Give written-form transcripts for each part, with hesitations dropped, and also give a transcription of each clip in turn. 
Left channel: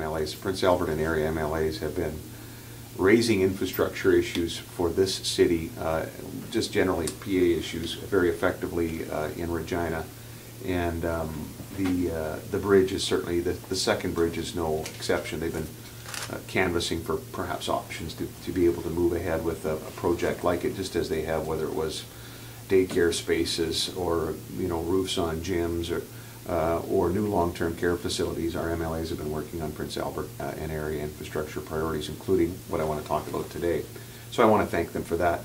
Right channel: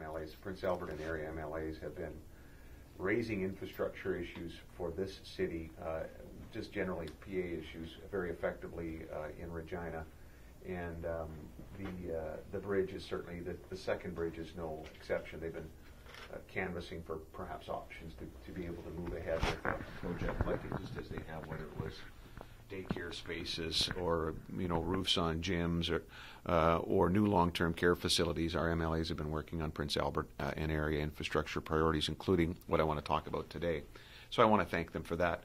MLAs, Prince Albert and area MLAs, have been raising infrastructure issues for this city, just generally PA issues, very effectively in Regina. And the bridge is certainly, the second bridge is no exception. They've been canvassing for perhaps options to be able to move ahead with a project like it, just as they have, whether it was daycare spaces or roofs on gyms or new long-term care facilities. Our MLAs have been working on Prince Albert and area infrastructure priorities, including what I want to talk about today. So I want to thank them for that.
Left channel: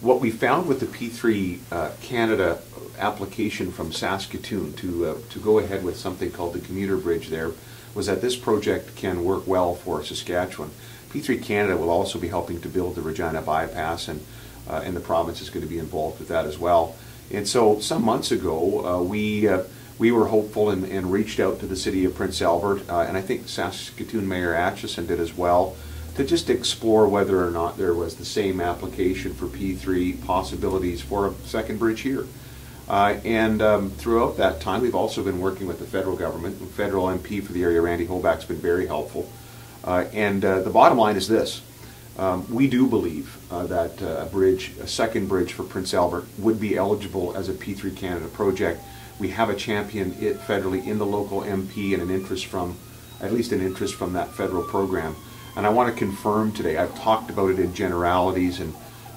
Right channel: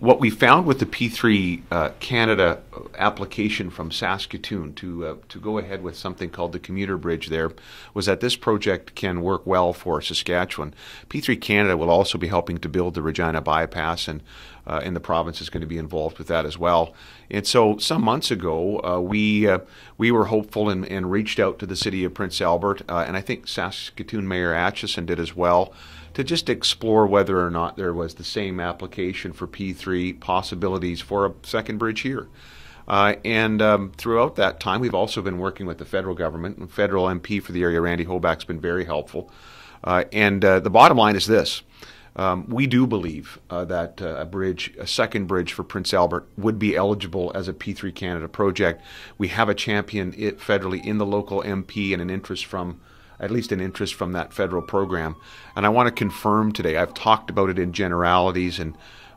What we found with the P3 Canada application from Saskatoon to go ahead with something called the commuter bridge there was that this project can work well for Saskatchewan. P3 Canada will also be helping to build the Regina bypass, and the province is going to be involved with that as well. And so some months ago, we were hopeful and reached out to the city of Prince Albert, and I think Saskatoon Mayor Acheson did as well, to just explore whether or not there was the same application for P3 possibilities for a second bridge here. Throughout that time, we've also been working with the federal government. The federal MP for the area, Randy Hoback's been very helpful. The bottom line is this. We do believe that a second bridge for Prince Albert would be eligible as a P3 Canada project. We have a champion federally in the local MP and at least an interest from that federal program. And I want to confirm today, I've talked about it in generalities,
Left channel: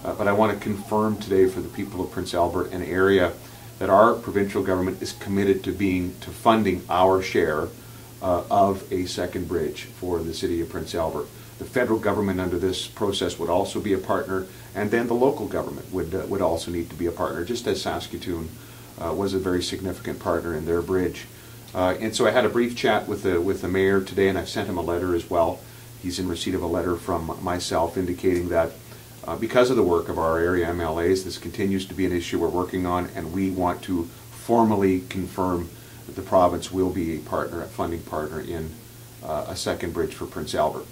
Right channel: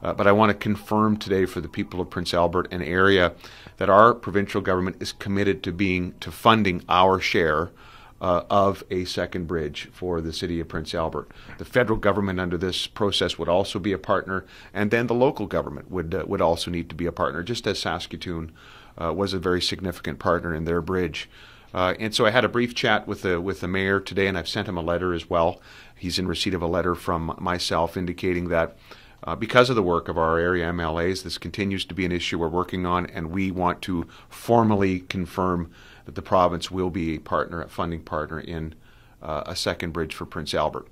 but I want to confirm today for the people of Prince Albert and area that our provincial government is committed to funding our share of a second bridge for the city of Prince Albert. The federal government under this process would also be a partner, and then the local government would also need to be a partner, just as Saskatoon was a very significant partner in their bridge. And so I had a brief chat with the mayor today, and I've sent him a letter as well. He's in receipt of a letter from myself indicating that because of the work of our area MLAs, this continues to be an issue we're working on, and we want to formally confirm that the province will be a funding partner in a second bridge for Prince Albert.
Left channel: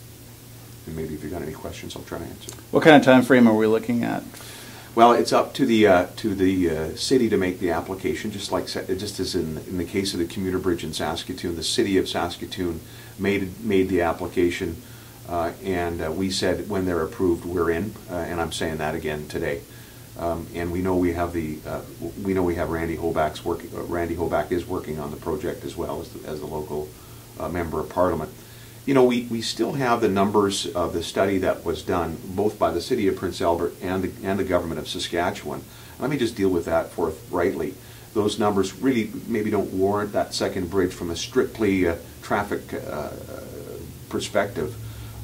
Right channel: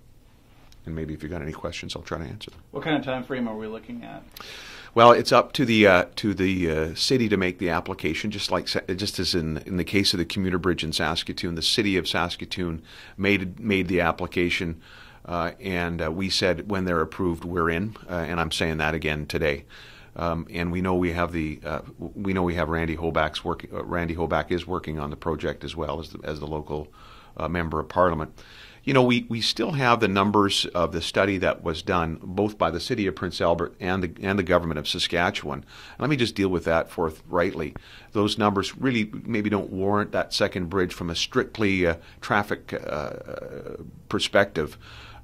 And maybe if you've got any questions, I'll try to answer. What kind of time frame are we looking at? Well, it's up to the city to make the application, just as in the case of the commuter bridge in Saskatoon. The city of Saskatoon made the application, and we said when they're approved, we're in. And I'm saying that again today. And we know we have Randy Hoback's working. Randy Hoback is working on the project as well as the local member of Parliament. We still have the numbers of the study that was done both by the city of Prince Albert and the government of Saskatchewan. Let me just deal with that forthrightly. Those numbers really maybe don't warrant that second bridge from a strictly traffic perspective.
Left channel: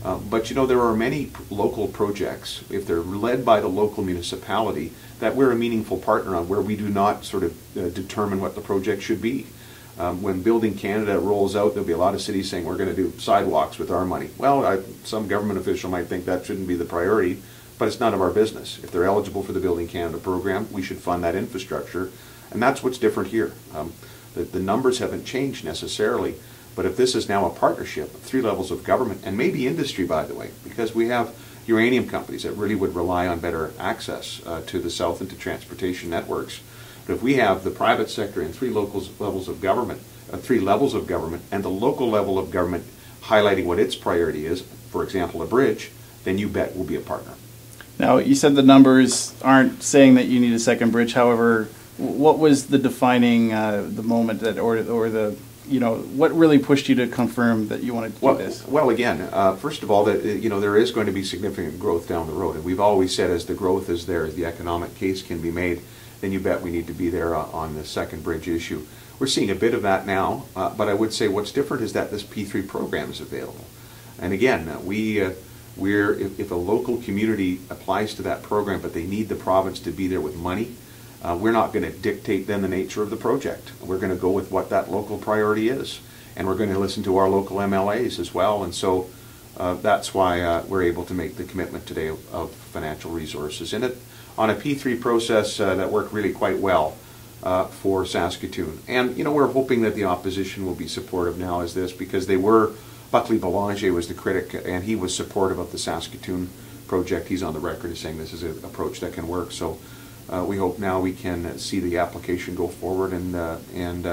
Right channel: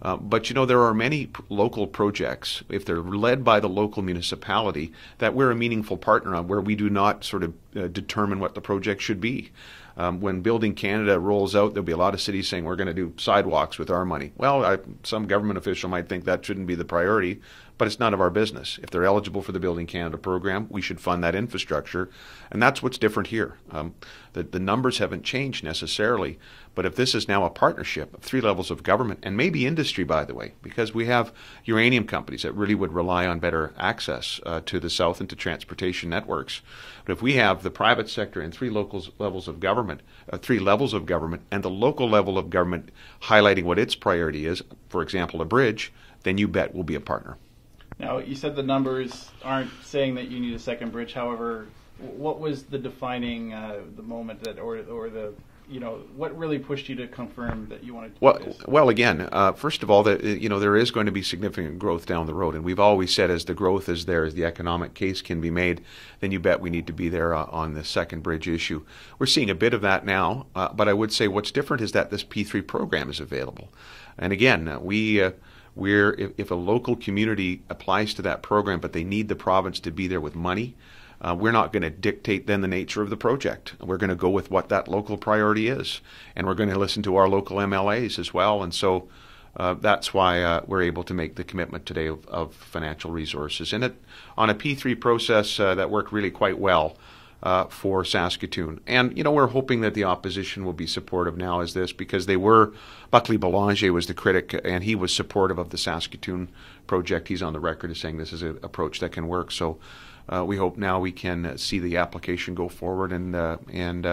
But there are many local projects, if they're led by the local municipality, that we're a meaningful partner on, where we do not sort of determine what the project should be. When Building Canada rolls out, there'll be a lot of cities saying we're going to do sidewalks with our money. Well, some government official might think that shouldn't be the priority, but it's none of our business. If they're eligible for the Building Canada program, we should fund that infrastructure, and that's what's different here. The numbers haven't changed necessarily, but if this is now a partnership of three levels of government, and maybe industry, by the way, because we have uranium companies that really would rely on better access to the south and to transportation networks. But if we have the private sector and three levels of government, and the local level of government highlighting what its priority is, for example, a bridge, then you bet we'll be a partner. Now, you said the numbers aren't saying that you need a second bridge. However, what was the defining the moment that, or the what really pushed you to confirm that you wanted to do this? Well, again, first of all, that there is going to be significant growth down the road, and we've always said as the growth is there, as the economic case can be made, then you bet we need to be there on the second bridge issue. We're seeing a bit of that now, but I would say what's different is that this P3 program is available. And again, if a local community applies to that program, but they need the province to be there with money, we're not going to dictate then the nature of the project. We're going to go with what that local priority is, and we're going to listen to our local MLAs as well. And so that's why we're able to make the commitment today of financial resources. And on a P3 process that worked really quite well for Saskatoon. And we're hoping that the opposition will be supportive now as this, because Buckley Belanger was the critic, and he was supportive of the Saskatoon project. He's on the record as saying this is an approach that can work. So we hope now we can see the application go forward and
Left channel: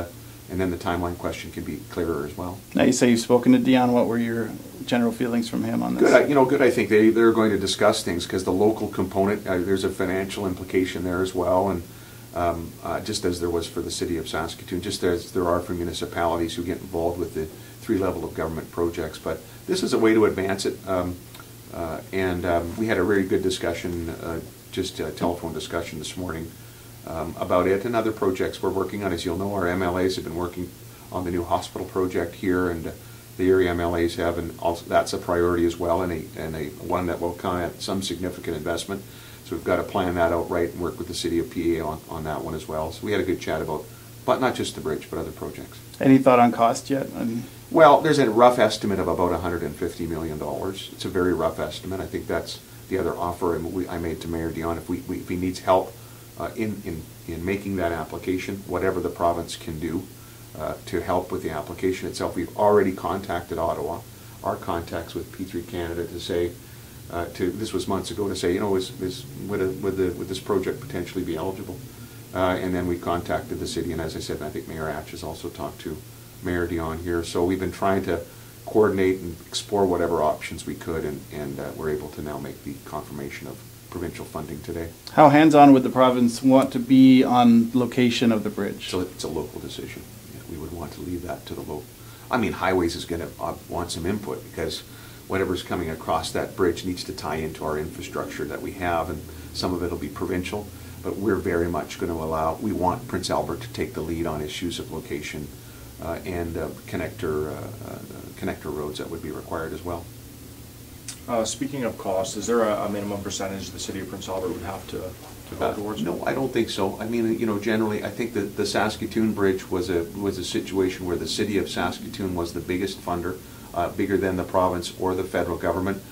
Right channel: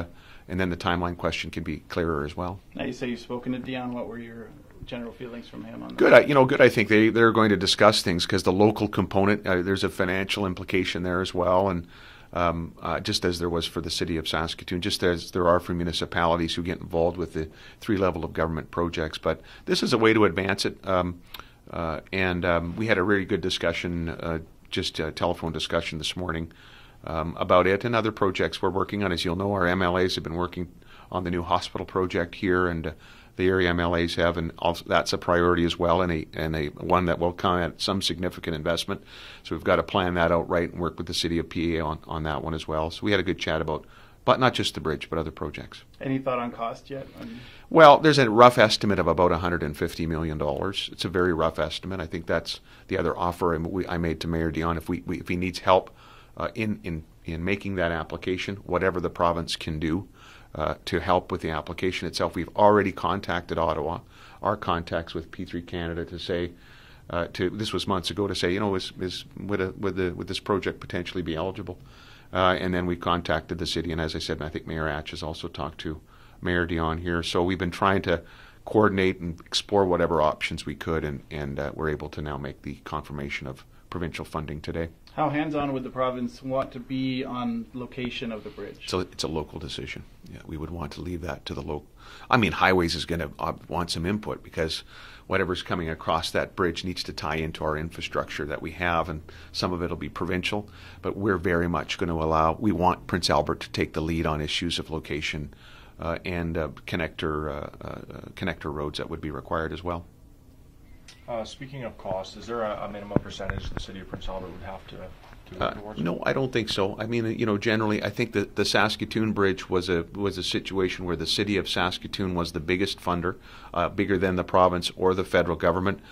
and then the timeline question can be clearer as well. Now you say you've spoken to Dion. What were your general feelings from him on this? Good. Good. I think they're going to discuss things because the local component, there's a financial implication there as well, and just as there was for the city of Saskatoon, just as there are for municipalities who get involved with the three level of government projects. But this is a way to advance it, and we had a very good discussion, just a telephone discussion this morning about it and other projects we're working on. As you'll know, our MLAs have been working on the new hospital project here, and the area MLAs have, and also that's a priority as well, and a one that will come at some significant investment. So we've got to plan that out right and work with the city of PA on that one as well. So we had a good chat about, but not just the bridge, but other projects. Any thought on cost yet? Well, there's a rough estimate of about $150 million. It's a very rough estimate. I think that's the other offer I made to Mayor Dion. If he needs help in making that application, whatever the province can do to help with the application itself. We've already contacted Ottawa, our contacts with P3 Canada, to say, this was months ago, to say, would this project potentially be eligible? And then we contacted the city, and as I said, I think Mayor Atch has also talked to Mayor Dion here. So we've been trying to coordinate and explore whatever options we could, and we're able to now make the confirmation of provincial funding today. How hands-on would the province want to be on location of the bridge? So it's a local decision. Yeah, we would want to leave that to the local. I mean, Highways is going to want some input, because whatever's coming across that bridge needs to tie into our infrastructure that we have, and some of it will be provincial, but we're very much going to we want Prince Albert to take the lead on issues of location and connector roads that would be required as well. Speaking of cost, is there a minimum percentage the city of Prince Albert would have to go towards? No, I don't think so. I mean, generally, I think that the Saskatoon Bridge was a situation where the city of Saskatoon was the biggest funder, bigger than the province or the federal government.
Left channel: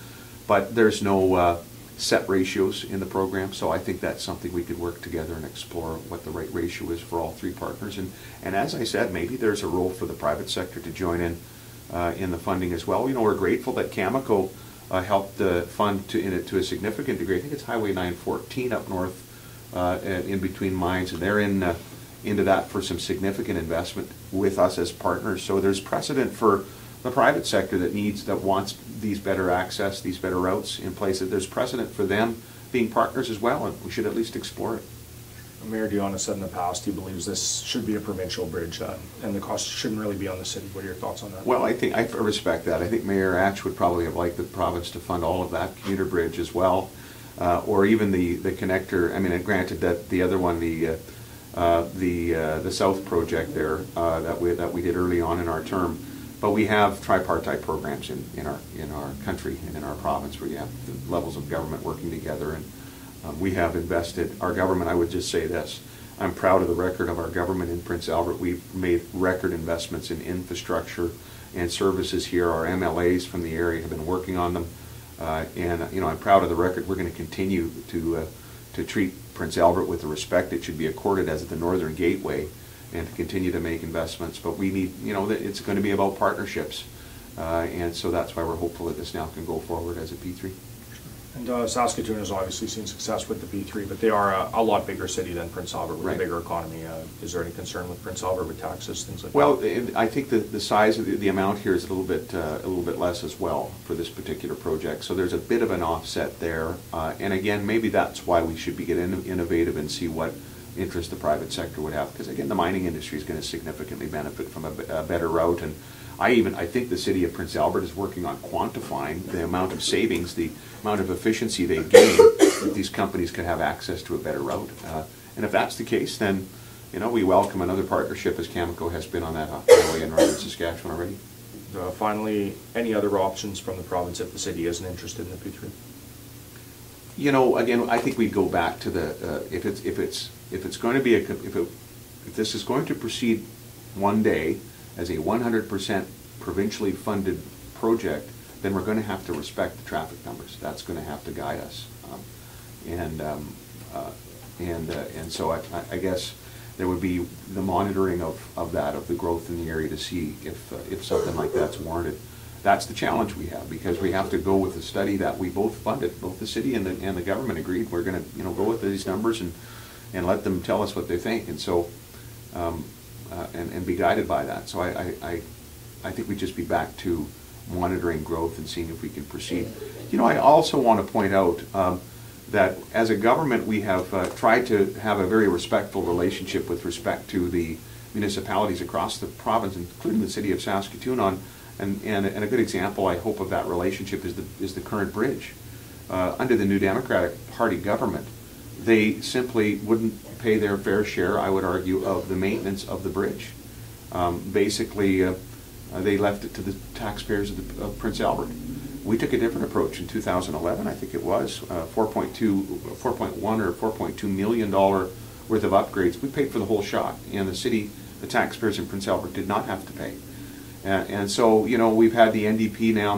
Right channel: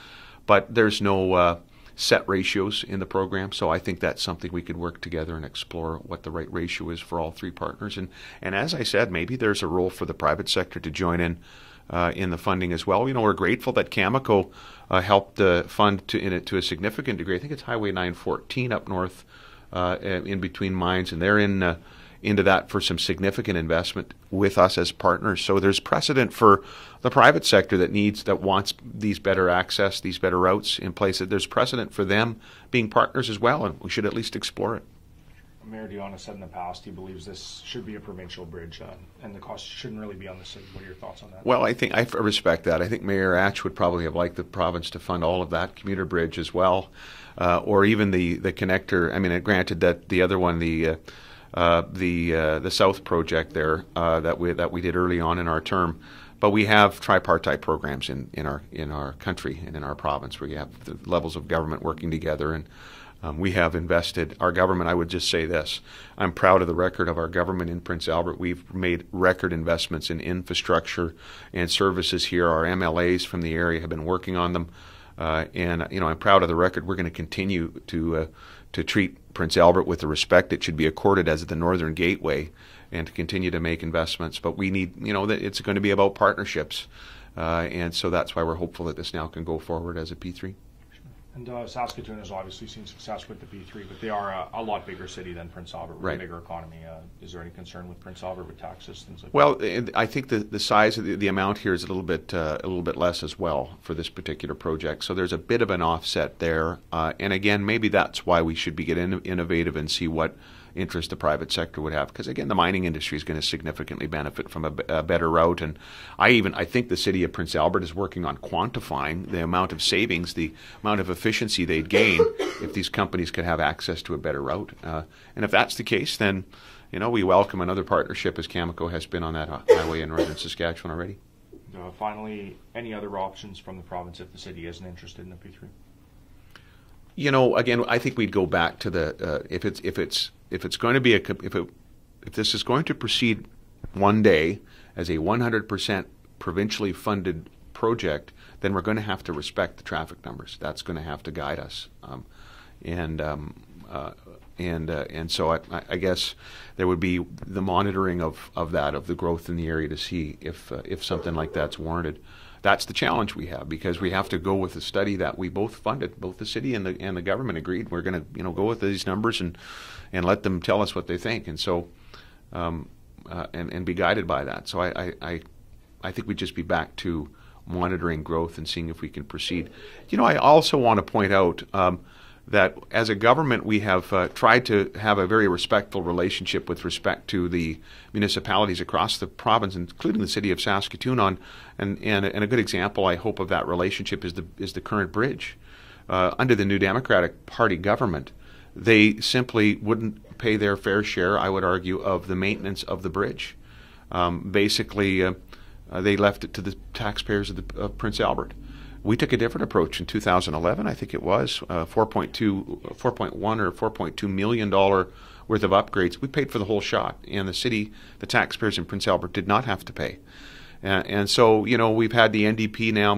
But there's no set ratios in the program, so I think that's something we could work together and explore what the right ratio is for all three partners. And as I said, maybe there's a role for the private sector to join in the funding as well. We're grateful that Cameco helped fund to a significant degree. I think it's Highway 914 up north, in between mines, and they're into that for some significant investment with us as partners. So there's precedent for the private sector that wants these better access, these better routes in place. There's precedent for them being partners as well, and we should at least explore it. Mayor Dion has said in the past he believes this should be a provincial bridge, and the cost shouldn't really be on the city. What are your thoughts on that? Well, I respect that. I think Mayor Atch would probably have liked the province to fund all of that commuter bridge as well, or even the connector. I mean, granted that the other one, the South project there that we did early on in our term, but we have tripartite programs in our country and in our province where you have the levels of government working together, and we have invested, our government, I would just say this, I'm proud of the record of our government in Prince Albert. We've made record investments in infrastructure and services here. Our MLAs from the area have been working on them, and I'm proud of the record. We're going to continue to treat Prince Albert with the respect it should be accorded as the Northern Gateway, and to continue to make investments. But we need, it's going to be about partnerships, and so that's why we're hopeful that this now can go forward as a P3. And Saskatoon has obviously seen success with the P3, but they are a lot bigger city than Prince Albert with a bigger economy. Is there any concern with Prince Albert with taxes, things like that? Well, I think the size of the amount here is a little bit less as well for this particular project. So there's a bit of an offset there, and again, maybe that's why we should be getting innovative and see what interest the private sector would have, because again, the mining industry is going to significantly benefit from a better route, and I think the city of Prince Albert is working on quantifying the amount of savings, the amount of efficiency they'd gain if these companies could have access to a better route. And if that's the case, then we welcome another partnership, as Cameco has been on that highway in northern Saskatchewan already. Finally, any other options from the province if the city isn't interested in the P3? Again, I think we'd go back to the if it's going to be if this is going to proceed one day as a 100% provincially funded project, then we're going to have to respect the traffic numbers. That's going to have to guide us, and so I guess there would be the monitoring of the growth in the area to see if something like that's warranted. That's the challenge we have, because we have to go with a study that we both funded, both the city and the government agreed we're going to go with these numbers and let them tell us what they think. And so and be guided by that. So I think we'd just be back to monitoring growth and seeing if we can proceed. You know, I also want to point out that as a government, we have tried to have a very respectful relationship with respect to the municipalities across the province, including the city of Saskatoon. And a good example, I hope, of that relationship is the current bridge. Under the New Democratic Party government, they simply wouldn't pay their fair share, I would argue, of the maintenance of the bridge. Basically, they left it to the taxpayers of Prince Albert. We took a different approach in 2011, I think it was, 4.1 or $4.2 million worth of upgrades. We paid for the whole shot, and the taxpayers in Prince Albert did not have to pay. And so, you know, we've had the NDP now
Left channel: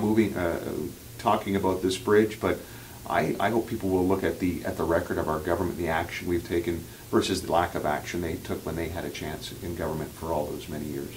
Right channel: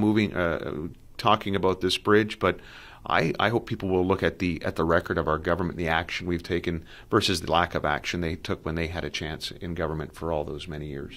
talking about this bridge, but I hope people will look at the record of our government, the action we've taken versus the lack of action they took when they had a chance in government for all those many years.